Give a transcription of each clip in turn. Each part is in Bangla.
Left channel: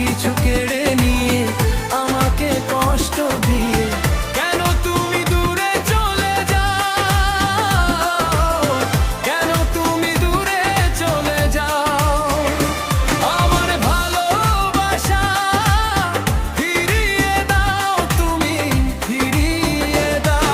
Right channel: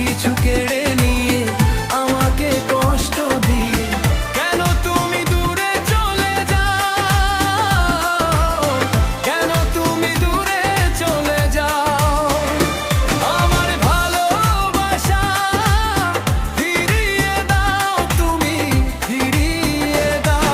কিছু কেড়ে নিয়ে আমাকে কষ্ট দিয়ে কেন তুমি দূরে চলে যাও, কেন তুমি দূরে চলে যাও। আমার ভালোবাসা ফিরিয়ে দাও, তুমি ফিরিয়ে দাও।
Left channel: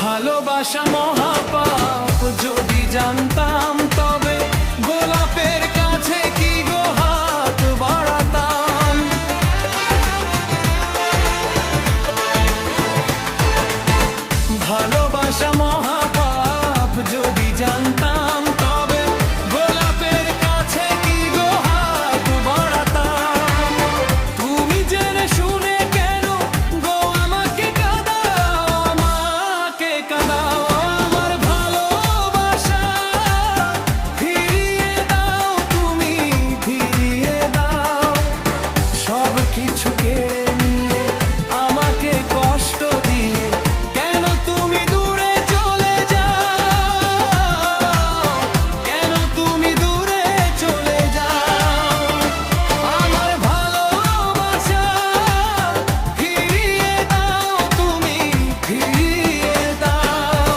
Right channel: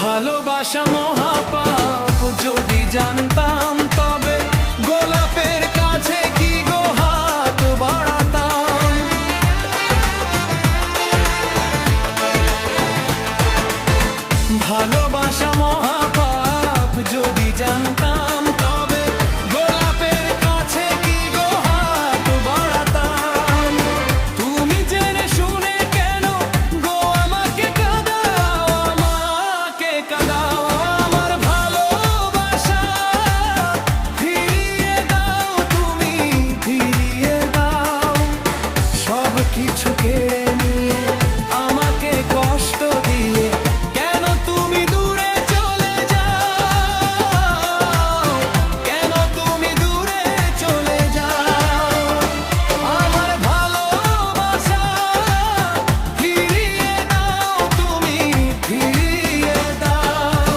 ভালোবাসা মহাপাপ যদি জানতাম, তবে গোলাপের কাছে কি গো হাত বাড়াতাম। ভালোবাসা মহাপাপ যদি জানতাম, তবে গোলাপের কাছে কি গো হাত বাড়াতাম। তুমি জেনে শুনে কেন গো আমাকে কাঁদাও, আমাকে কাঁদাও। আমার ভালোবাসা ফিরিয়ে দাও, তুমি ফিরিয়ে দাও। সব কিছু কেড়ে নিয়ে আমাকে কষ্ট দিয়ে কেন তুমি দূরে চলে যাও, কেন তুমি দূরে চলে যাও। আমার ভালোবাসা ফিরিয়ে দাও, তুমি ফিরিয়ে দাও।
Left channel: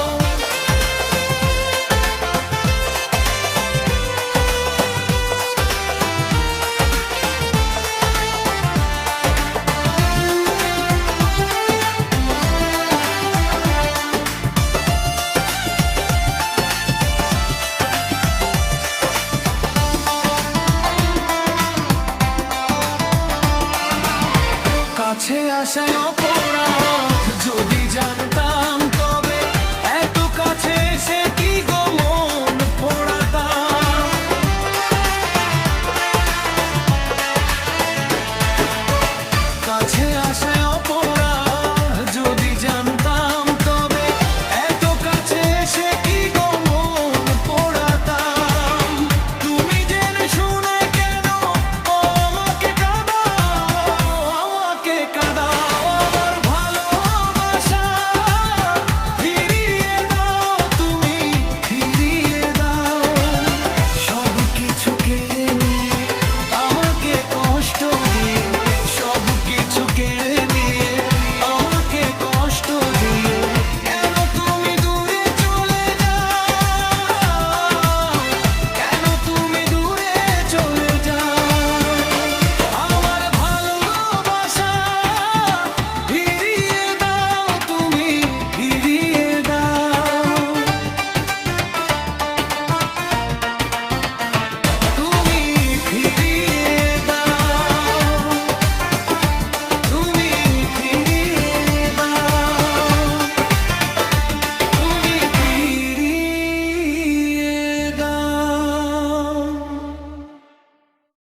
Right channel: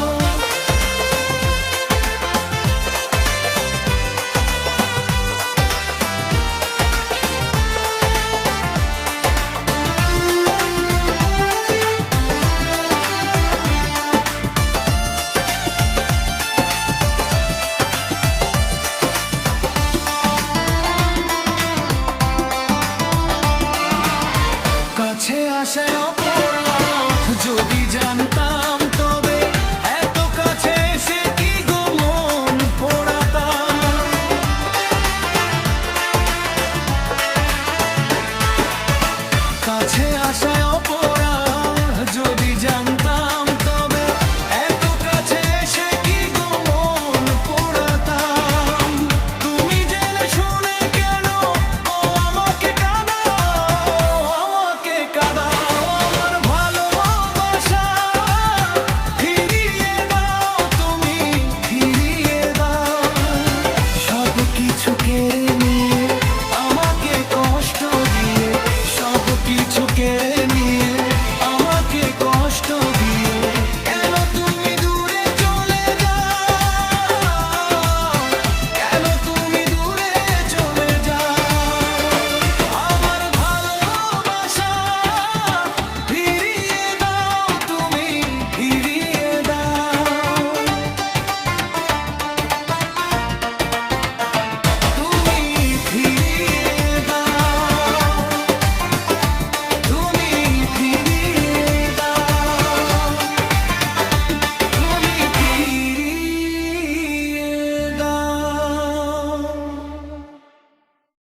কাছে আসায়